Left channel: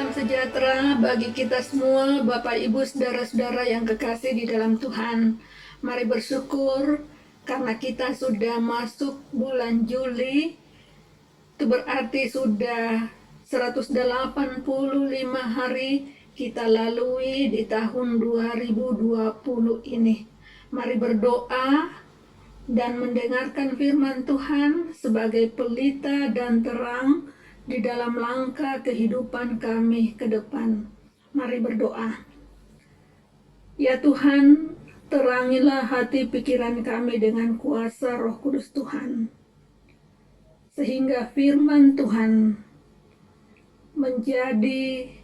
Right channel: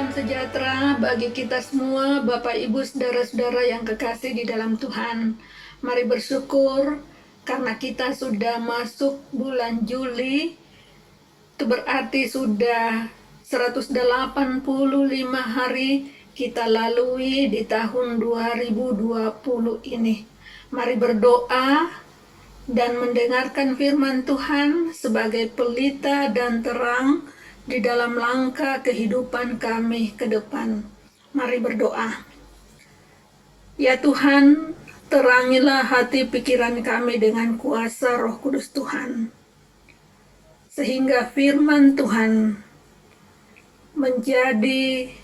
Salam sejahtera bagi kita semua, Bapak Ibu, saudara-saudara yang kekasih di dalam Tuhan. Mari bersyukur karena kita sudah masuk bulan Juli. Itu berarti sudah 185 hari kita lalui di tahun 2020 ini. Mari berdoa dan mendengarkan firman Tuhan sebagai pelita dan terang di dalam langkah kehidupan kami ke depan. Mari berdoa. Ya Tuhan, terangilah hati pikiran kami dengan kuasa Roh Kudus Tuhan, sehingga firman Tuhan menjadi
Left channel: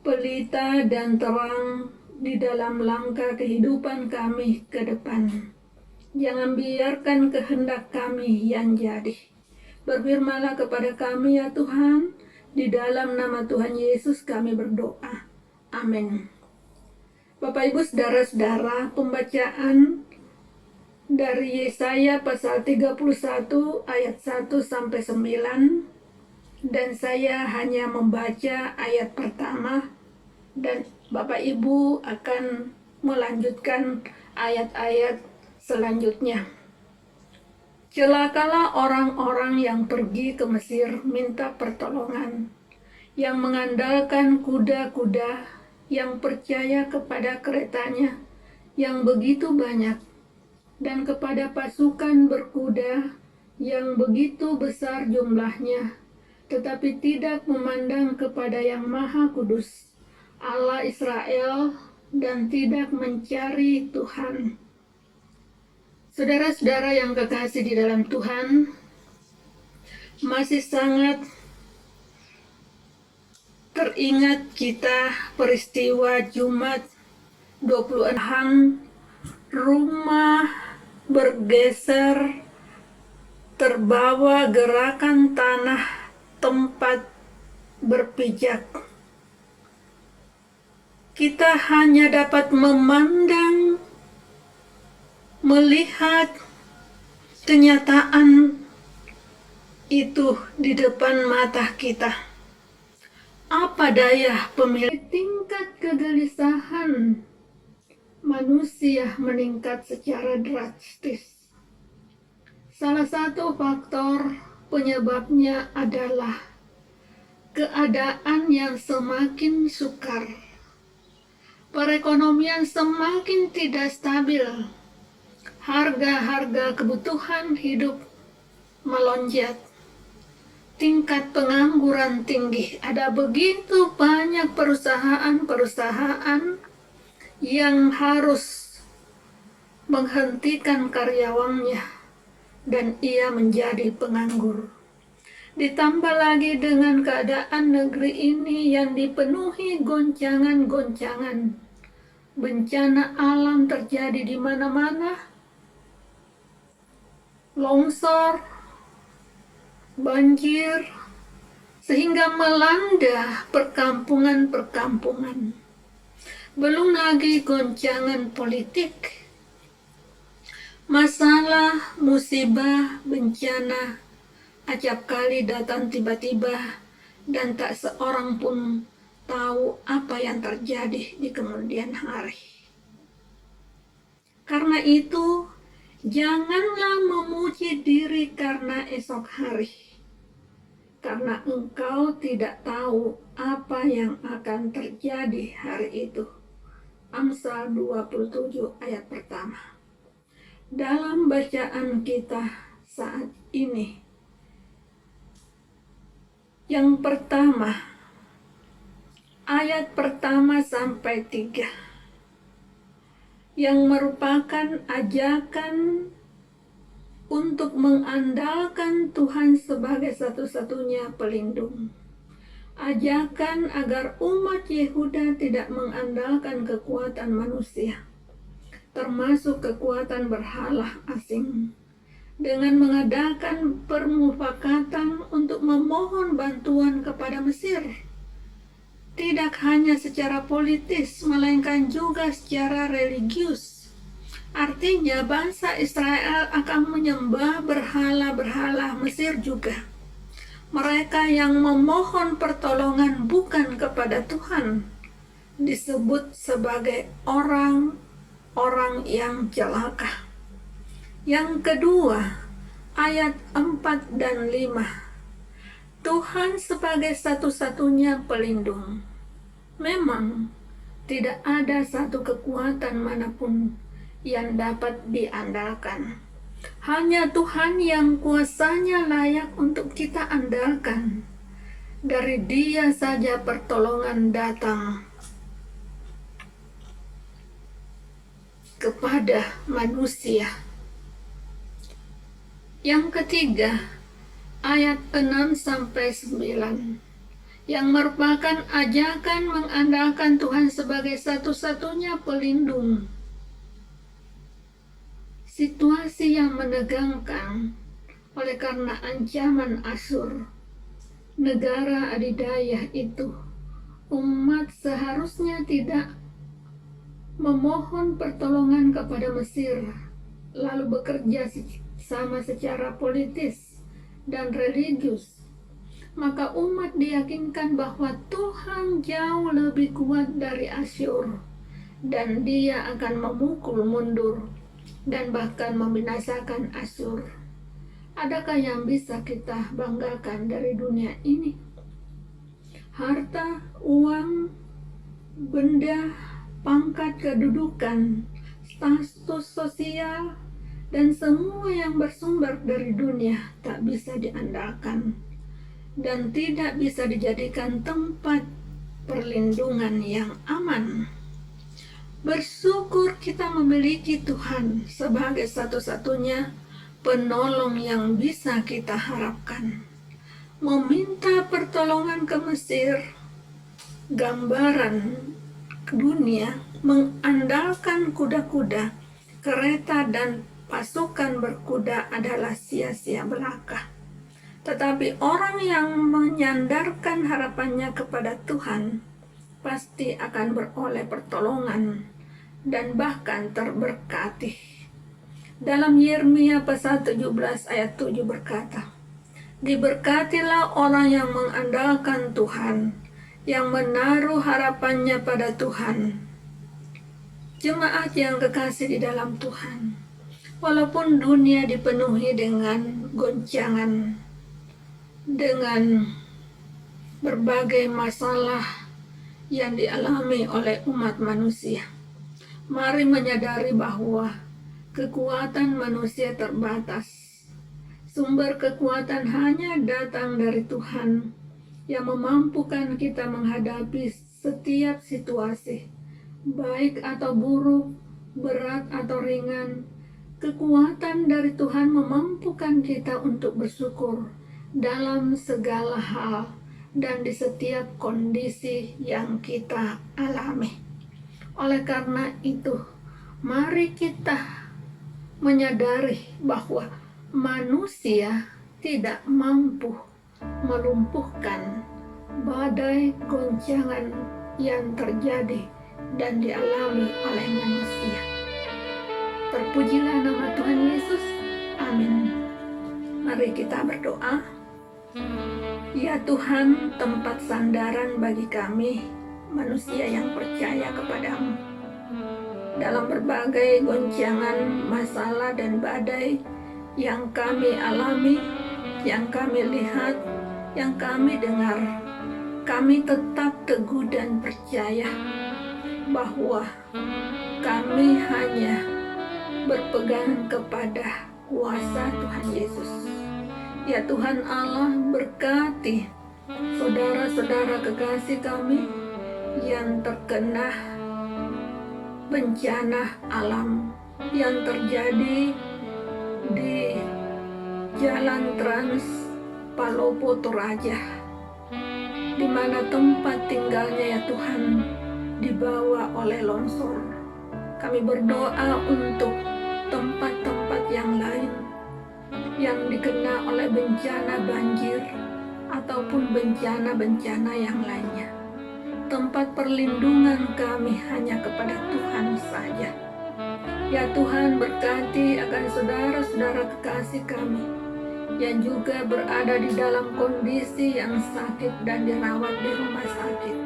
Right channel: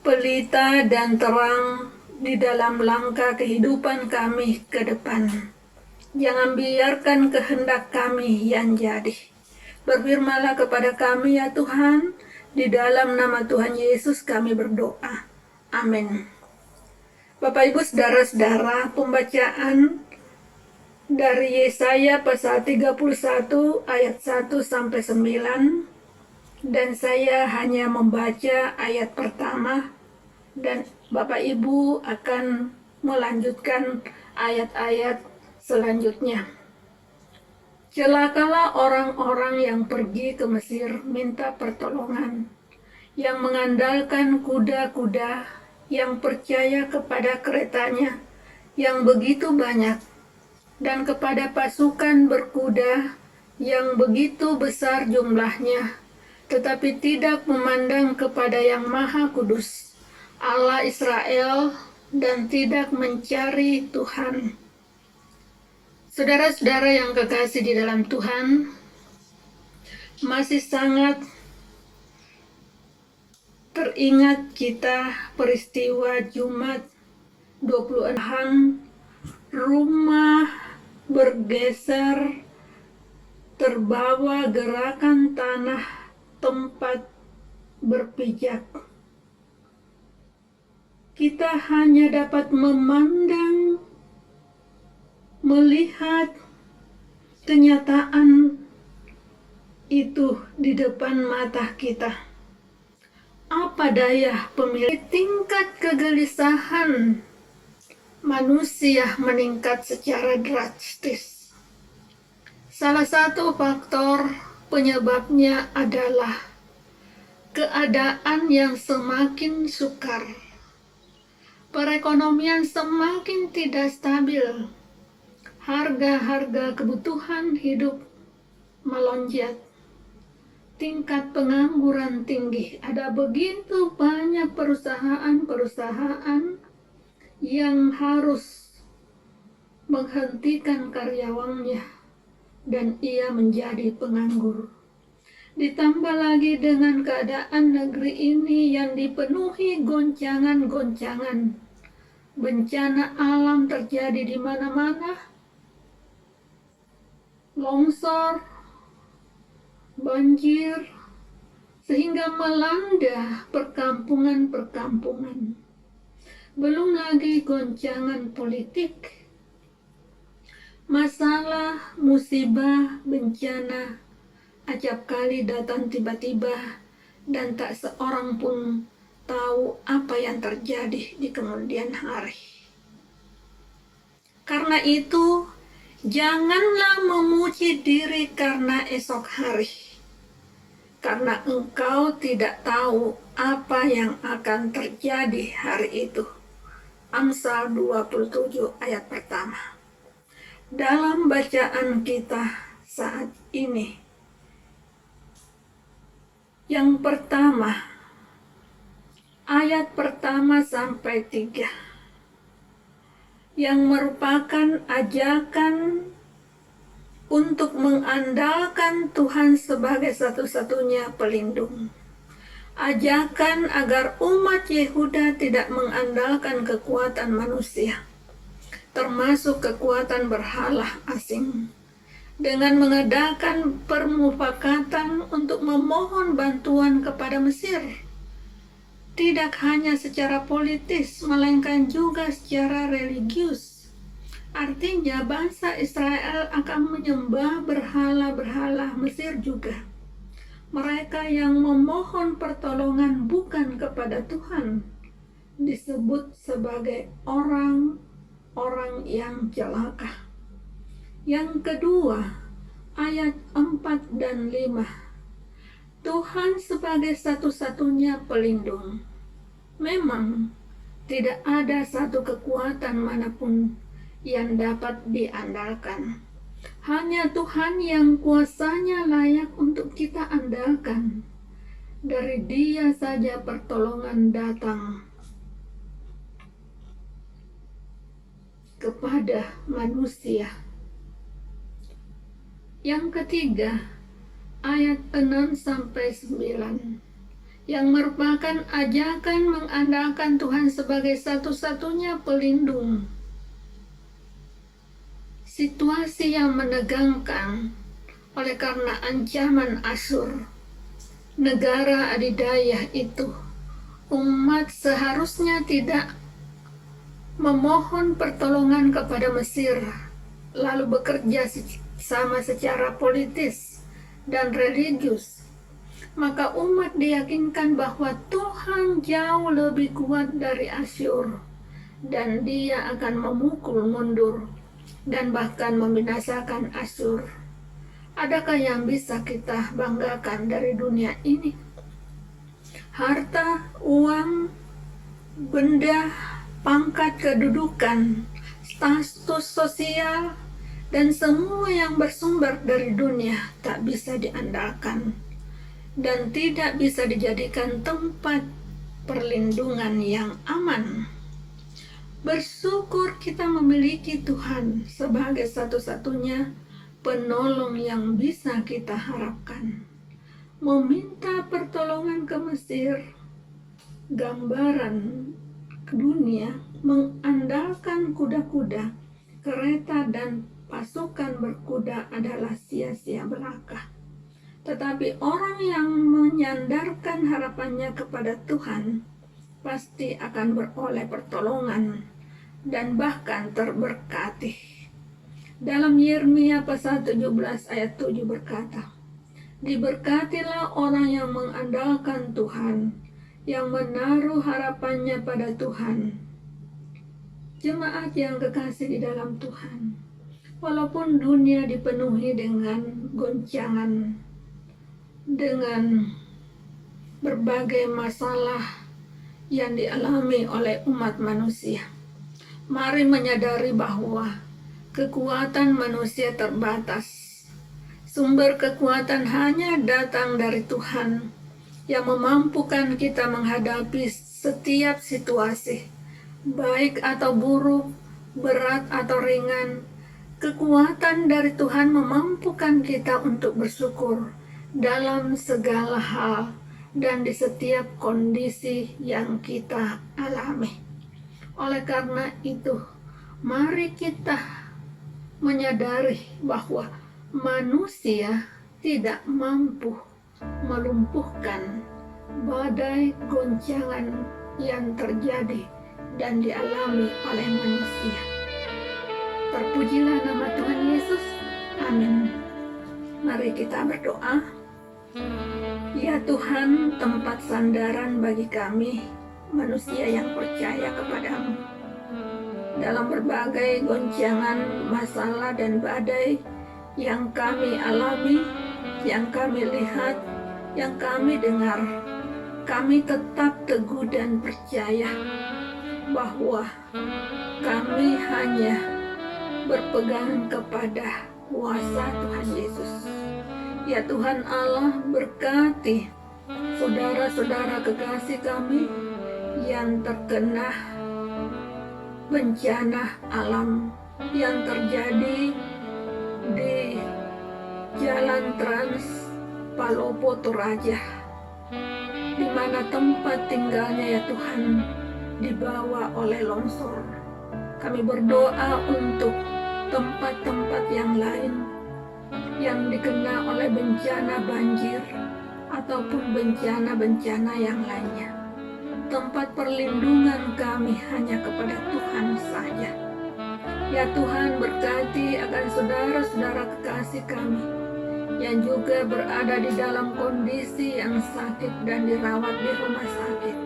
pelita dan terang di dalam langkah kehidupan kami ke depan. Jangan biarkan kehendak kami yang jadi. Berfirmanlah kepada kami ya Tuhan, di dalam nama Tuhan Yesus kami berdoa. Amin. Bapak Ibu saudara-saudara, pembacaan dari Yesaya pasal 31 ayat 1 sampai 9, dan saya hanya membaca ayat pertama dan Bapak Ibu akan melanjutkan ayat-ayat selanjutnya. Celakalah orang-orang yang pergi ke Mesir minta pertolongan, yang mengandalkan kuda-kuda, yang percaya kepada keretanya yang begitu banyak, dan kepada pasukan berkuda yang begitu besar jumlahnya, tetapi tidak memandang kepada yang Maha Kudus, Allah Israel, dan tidak mencari Tuhan. Saudara-saudara yang kekasih di dalam Tuhan, masih sangat teringat kita peristiwa Jumat 26, rumah bergeser, terbawa gerakan tanah tempat berpijak. Kita hanya dapat memandang, melihat kenyataan itu di depan mata kita. Apa daya pemilik, tingkat kegelisahan manusia meningkat secara drastis. Salah satu faktor penyebabnya adalah keadaan yang semakin sukar. Perekonomian semakin tidak stabil. Harga-harga kebutuhan hidup melonjak. Tingkat pengangguran tinggi. Ada begitu banyak perusahaan-perusahaan yang harus menghentikan karyawannya dan ia menjadi penganggur. Ditambah lagi dengan keadaan negeri ini yang dipenuhi goncangan-goncangan. Bencana alam terjadi di mana-mana. Longsor, banjir, sehingga melanda perkampungan-perkampungan. Belum lagi goncangan politik, masalah, musibah, bencana, acap kali datang tiba-tiba dan tak seorang pun tahu apa yang terjadi di kemudian hari. Karena itu, janganlah memuji diri karena esok hari, karena engkau tidak tahu apa yang akan terjadi hari itu. Amsal 27 ayat pertama. Dalam bacaan kita saat ini, yang pertama, ayat pertama sampai 3, yang merupakan ajakan untuk mengandalkan Tuhan sebagai satu-satunya pelindung. Ajakan agar umat Yehuda tidak mengandalkan kekuatan manusia, termasuk kekuatan berhala asing, dengan mengadakan permufakatan untuk memohon bantuan kepada Mesir. Tidak hanya secara politis, melainkan juga secara religius. Artinya bangsa Israel akan menyembah berhala-berhala Mesir juga. Mereka yang memohon pertolongan bukan kepada Tuhan disebut sebagai orang-orang yang celaka. Yang kedua, ayat 4 dan 5. Tuhan sebagai satu-satunya pelindung. Memang tidak ada satu kekuatan manapun yang dapat diandalkan. Hanya Tuhan yang kuasanya layak untuk kita andalkan. Dari Dia saja pertolongan datang kepada manusia. Yang ketiga, ayat 6-9, yang merupakan ajakan mengandalkan Tuhan sebagai satu-satunya pelindung. Situasi yang menegangkan oleh karena ancaman Asyur, negara adidaya itu, umat seharusnya tidak memohon pertolongan kepada Mesir, lalu bekerja sama secara politis dan religius. Maka umat diyakinkan bahwa Tuhan jauh lebih kuat dari Asyur, dan Dia akan memukul mundur dan bahkan membinasakan Asyur. Adakah yang bisa kita banggakan dari dunia ini? Harta, uang, benda, pangkat kedudukan, status sosial, dan semua yang bersumber dari dunia tak bisa diandalkan dan tidak bisa dijadikan tempat perlindungan yang aman. Bersyukur kita memiliki Tuhan sebagai satu-satunya penolong yang bisa kita harapkan. Meminta pertolongan ke Mesir, gambaran dunia mengandalkan kuda-kuda, kereta, dan pasukan berkuda adalah sia-sia belaka. Tetapi orang yang menyandarkan harapannya kepada Tuhan pasti akan beroleh pertolongan dan bahkan terberkati. Dalam Yeremia pasal 17 ayat 7 berkata, "Diberkatilah orang yang mengandalkan Tuhan, yang menaruh harapannya pada Tuhan." Jemaat yang kekasih di dalam Tuhan, walaupun dunia dipenuhi dengan goncangan, dengan berbagai masalah yang dialami oleh umat manusia, mari menyadari bahwa kekuatan manusia terbatas. Sumber kekuatan hanya datang dari Tuhan yang memampukan kita menghadapi setiap situasi, baik atau buruk, berat atau ringan. Kekuatan dari Tuhan memampukan kita untuk bersyukur dalam segala hal dan di setiap kondisi yang kita alami. Oleh karena itu, mari kita menyadari bahwa manusia tidak mampu melumpuhkan badai goncangan yang terjadi dan dialami oleh manusia. Terpujilah nama Tuhan Yesus. Amin. Mari kita berdoa. Ya Tuhan, tempat sandaran bagi kami, manusia yang percaya kepadamu. Dalam berbagai goncangan, masalah, dan badai yang kami alami, yang kami lihat, yang kami dengar, kami tetap teguh dan percaya bahwa kami hanya berpegang kepada kuasa Tuhan Yesus. Ya Tuhan Allah, berkati saudara-saudara kekasih kami yang terkena bencana alam yang terjadi di Jalan Trans Palopo Toraja, di mana tempat tinggalnya ya Tuhan dibawa oleh longsor. Kami berdoa untuk tempat-tempat yang lain yang dikena oleh bencana banjir ataupun bencana-bencana yang lainnya. Tempat perlindungan kami hanya kepada Tuhan saja. Ya Tuhan, berkati akan saudara-saudara kekasih kami yang juga berada di dalam kondisi yang sakit dan dirawat di rumah sakit.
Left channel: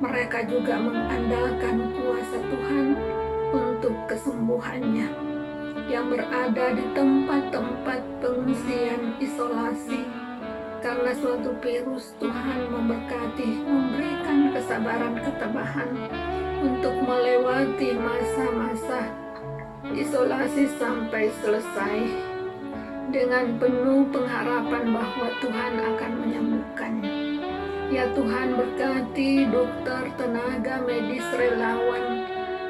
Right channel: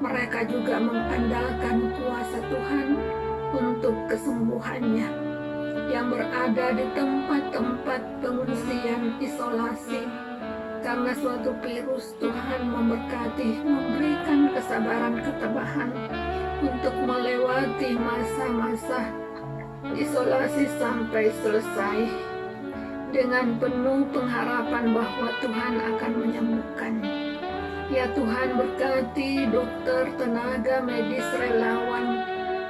Mereka juga mengandalkan kuasa Tuhan untuk kesembuhannya yang berada di tempat-tempat pengungsian isolasi. Karena suatu virus, Tuhan memberkati, memberikan kesabaran ketabahan untuk melewati masa-masa isolasi sampai selesai dengan penuh pengharapan bahwa Tuhan akan menyembuhkannya. Ya Tuhan, berkati dokter, tenaga medis, relawan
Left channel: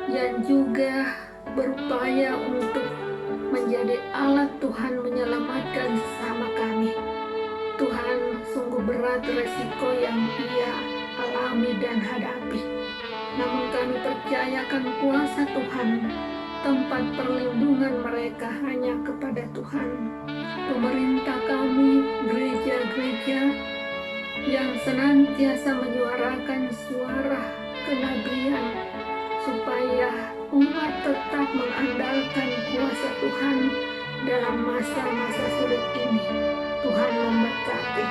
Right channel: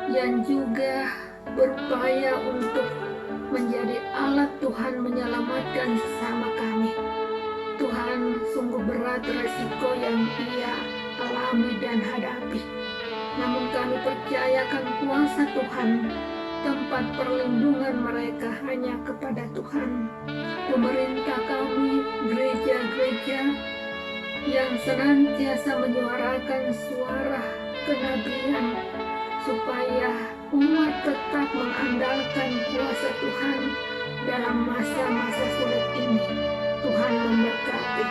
yang juga berupaya untuk menjadi alat Tuhan menyelamatkan sesama kami. Tuhan, sungguh berat resiko yang ia alami dan hadapi. Namun kami percayakan kuasa Tuhan, tempat perlindungan mereka hanya kepada Tuhan. Pemerintah kami, gereja-gereja yang senantiasa menyuarakan suara kenabian supaya umat tetap mengandalkan kuasa Tuhan dalam masa-masa sulit ini. Tuhan memberkati.